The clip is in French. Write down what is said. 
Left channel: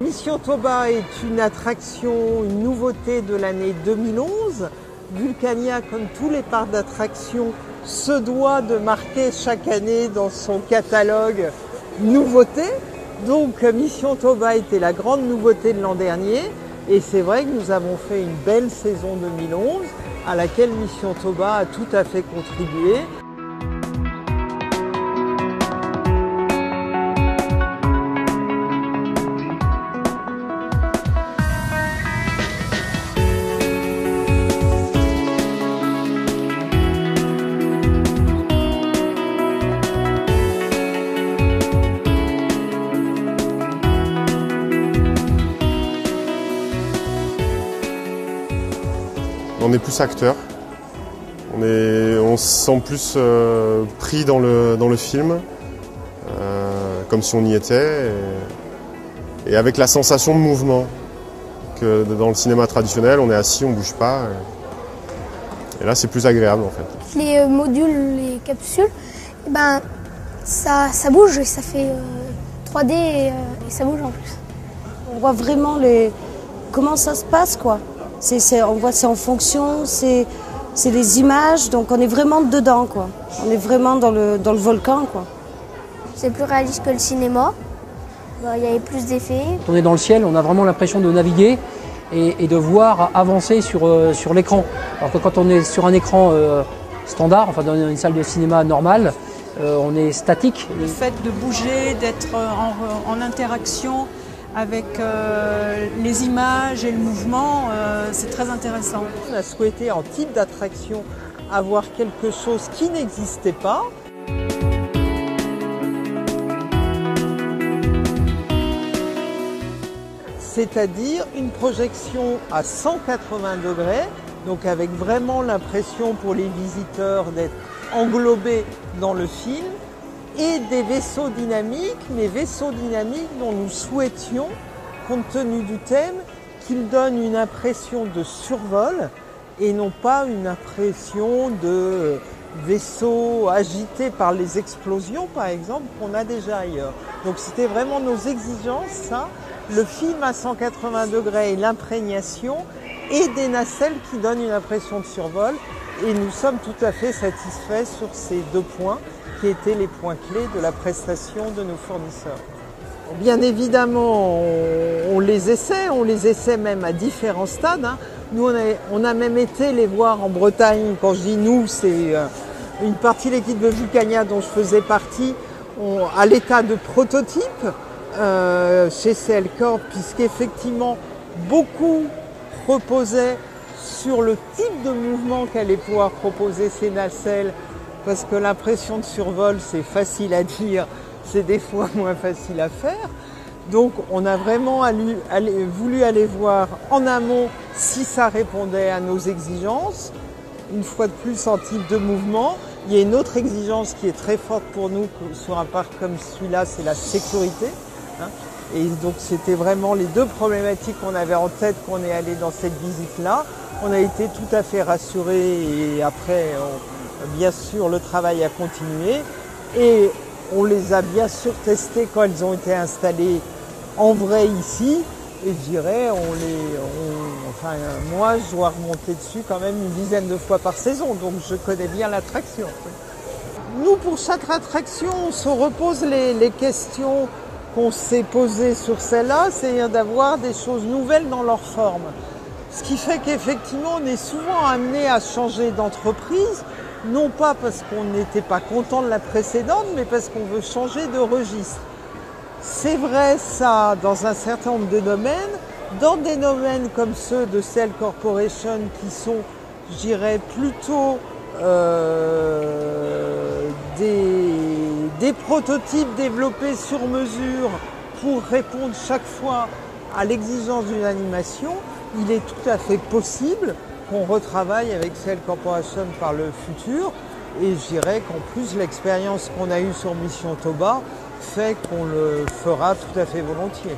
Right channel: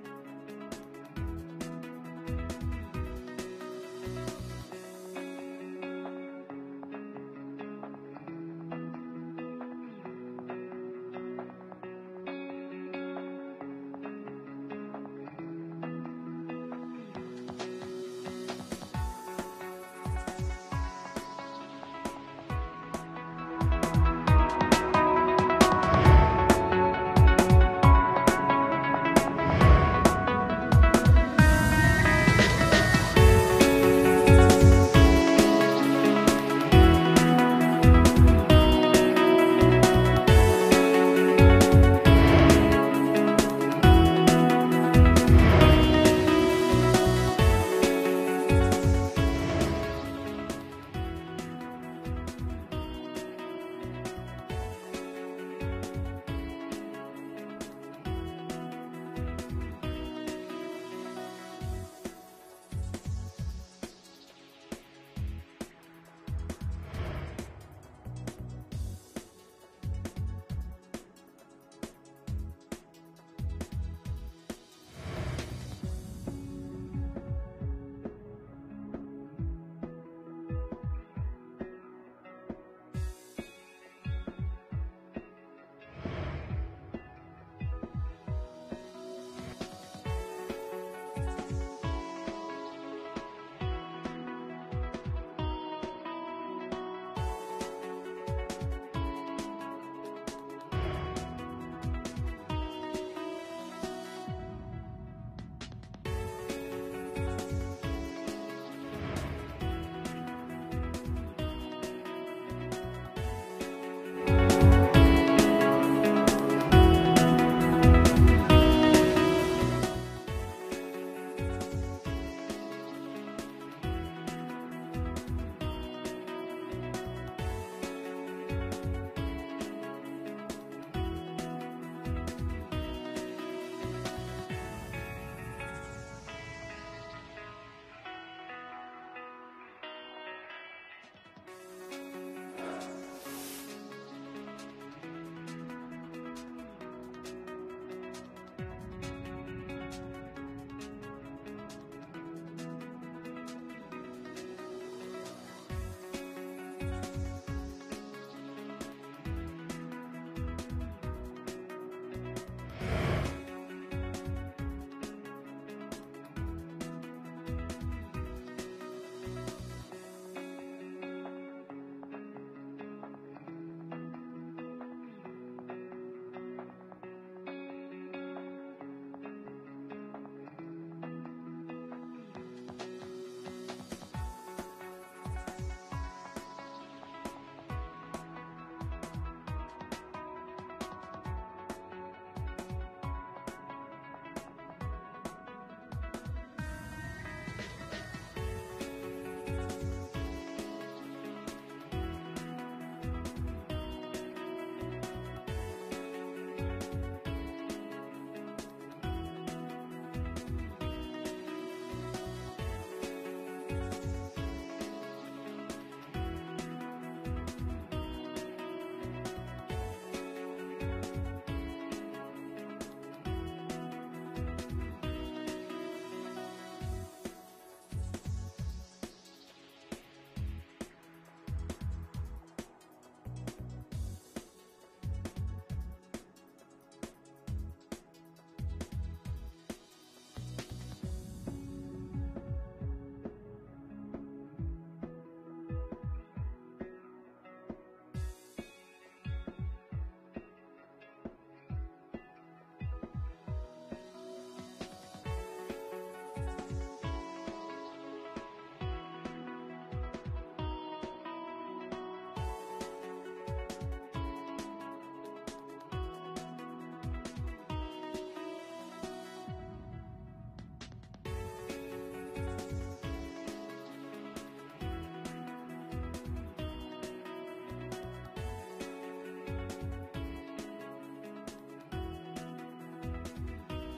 Mission Toba est une attraction, une nouveauté de l'année 2011. Vulcania, comme tous les parcs d'attractions, se doit de marquer chaque année dans son catalogue nouveauté. Donc Mission Toba était la grande nouveauté de l'an dernier et c'est vrai que nous avons fait une belle saison 2011 à laquelle Mission Toba a tout à fait contribué. On est plus acteur, on se sent plus pris dans le film, comme si on y était, et avec la sensation de mouvement que dans le cinéma traditionnel, on est assis, on ne bouge pas, et là c'est plus agréable en fait. Les modules, les capsules, ça bouge et ça fait 3D et ça bouge en plus. On voit vraiment comment ça se passe, quoi. On voit c'est en fonction, c'est les images, donc on est vraiment dedans, quoi. On est vraiment dans le volcan, quoi. C'est plus réaliste que le cinéma, il y avait plus d'effets. On est dans le ciel, on a vraiment l'impression de naviguer et de voir avancer sur l'écran. Alors que quand on est sur un écran standard, enfin dans une salle de cinéma normale, on est statique. Le fait de bouger, d'être en interaction avec les images et le mouvement, c'est très intéressant. On a souhaité en type d'attraction avoir quelque chose qui n'existait pas. C'est-à-dire une projection à 180 degrés, donc avec vraiment l'impression pour les visiteurs d'être englobés dans le film, et des vaisseaux dynamiques, mais vaisseaux dynamiques dont nous souhaitions, compte tenu du thème, qu'ils donnent une impression de survol et non pas une impression de vaisseaux agités par les explosions, par exemple, qu'on a déjà ailleurs. Donc c'était vraiment nos exigences, ça, le film à 180 degrés et l'imprégnation, et des nacelles qui donnent une impression de survol. Et nous sommes tout à fait satisfaits sur ces deux points qui étaient les points clés de la prestation de nos fournisseurs. Bien évidemment, on les essaie même à différents stades. Nous, on a même été les voir en Bretagne. Quand je dis nous, c'est une partie de l'équipe de Vulcania dont je faisais partie, à l'état de prototype chez CL Corp, puisqu'effectivement, beaucoup reposaient sur le type de mouvement qu'allaient pouvoir proposer ces nacelles, parce que l'impression de survol, c'est facile à dire, c'est des fois moins facile à faire. Donc on a vraiment voulu aller voir en amont si ça répondait à nos exigences. Une fois de plus, en type de mouvement, il y a une autre exigence qui est très forte pour nous sur un parc comme celui-là, c'est la sécurité. Et donc c'était vraiment les deux problématiques qu'on avait en tête quand on est allé dans cette visite-là. On a été tout à fait rassurés et après, bien sûr, le travail a continué. Et on les a bien sûr testés quand elles ont été installées en vrai ici. Et je dirais, moi, je dois remonter dessus quand même une dizaine de fois par saison. Donc je connais bien l'attraction. Nous, pour chaque attraction, on se repose les questions qu'on s'est posées sur celle-là, c'est d'avoir des choses nouvelles dans leur forme. Ce qui fait qu'effectivement, on est souvent amené à changer d'entreprise, non pas parce qu'on n'était pas content de la précédente, mais parce qu'on veut changer de registre. C'est vrai ça dans un certain nombre de domaines, dans des domaines comme ceux de Cell Corporation qui sont, je dirais, plutôt des prototypes développés sur mesure pour répondre chaque fois à l'exigence d'une animation, il est tout à fait possible qu'on retravaille avec Cell Corporation par le futur. Et je dirais qu'en plus, l'expérience qu'on a eue sur Mission Toba fait qu'on le fera tout à fait volontiers.